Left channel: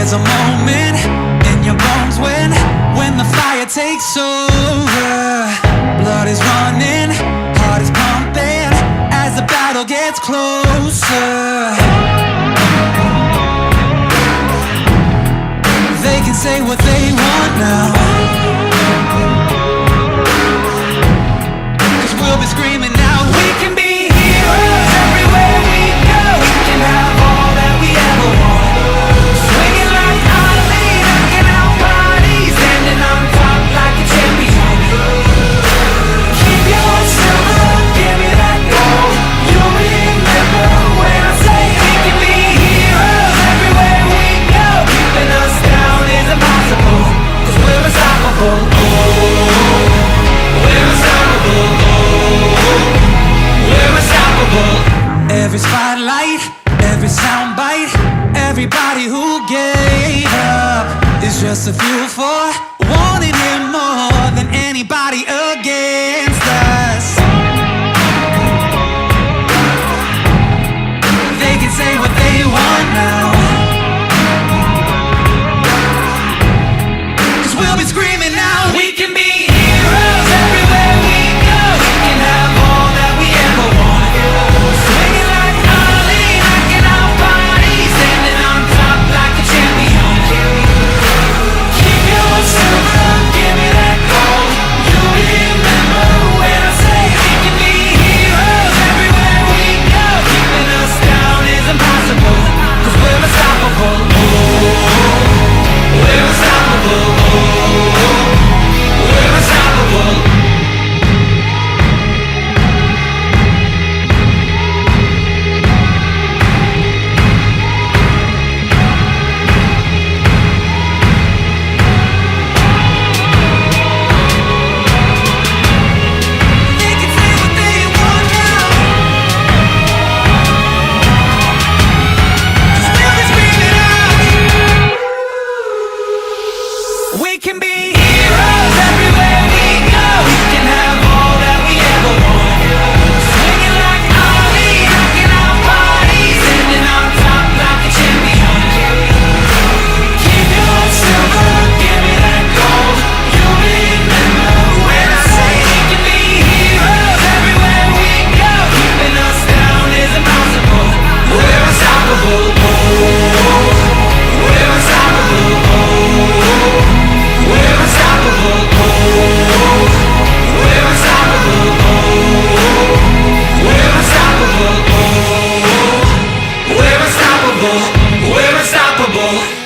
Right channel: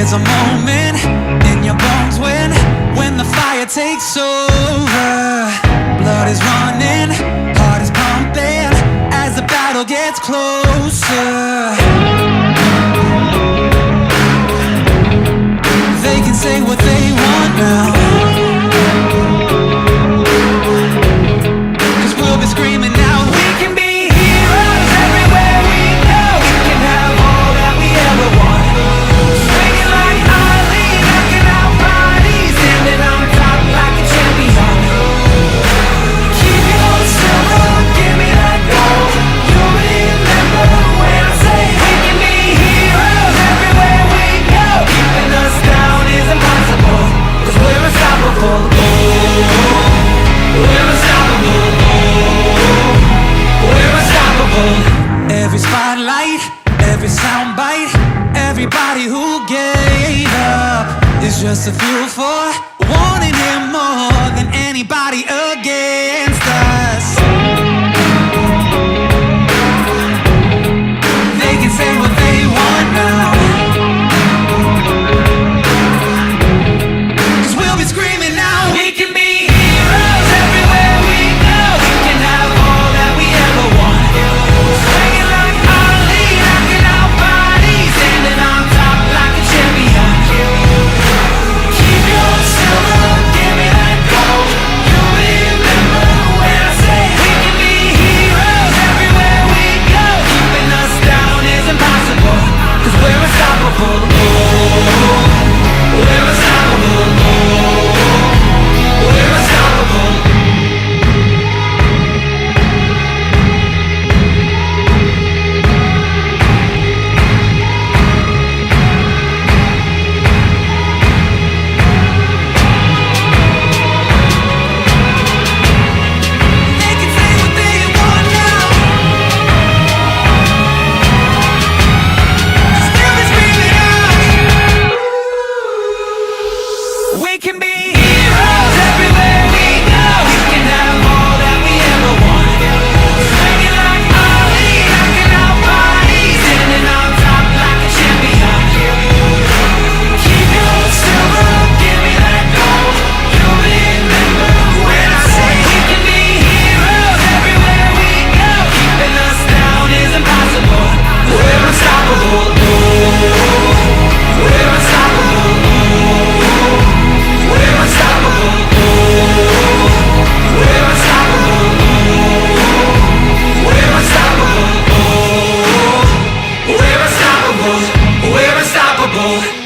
There's a moment in your bones when the fire takes over. Blood is running, heart is pumping as the battle gets closer. They can say what they want now, 'cause we'll be screaming out, we can be heroes everywhere we go. We can have all that we ever want. Swinging like Ali, knocking out bodies, standing on top like a champion. Keep your silver, give me that gold. You'll remember when I say we can be heroes everywhere we go. Keeping us down is impossible, 'cause we're unstoppable. Oh, we're unstoppable. We're unstoppable. Every spotlight, every soundbite, everybody who gave up is just a fuel for wanting him more than anybody against us. They can say what they want now, 'cause we'll be screaming now, we can be heroes everywhere we go. We can have all that we ever want. Swinging like Ali, knocking out bodies, standing on top like a champion. Keep your silver, give me that gold. You'll remember when I say we can be heroes everywhere we go. Keeping us down is impossible, 'cause we're unstoppable. Oh, we're unstoppable. Oh, we're unstoppable. They can say what they want now, 'cause we'll be screaming out, we can be heroes everywhere we go. We can have all that we ever want. Swinging like Ali, knocking out bodies, standing on top like a champion. Keep your silver, give me that gold. You'll remember when I say we can be heroes everywhere we go. Keeping us down is impossible. We're unstoppable. Oh, we're unstoppable. Oh, we're unstoppable. Oh, we're unstoppable. Oh, we're unstoppable. Oh, we're unstoppable. We're unstoppable.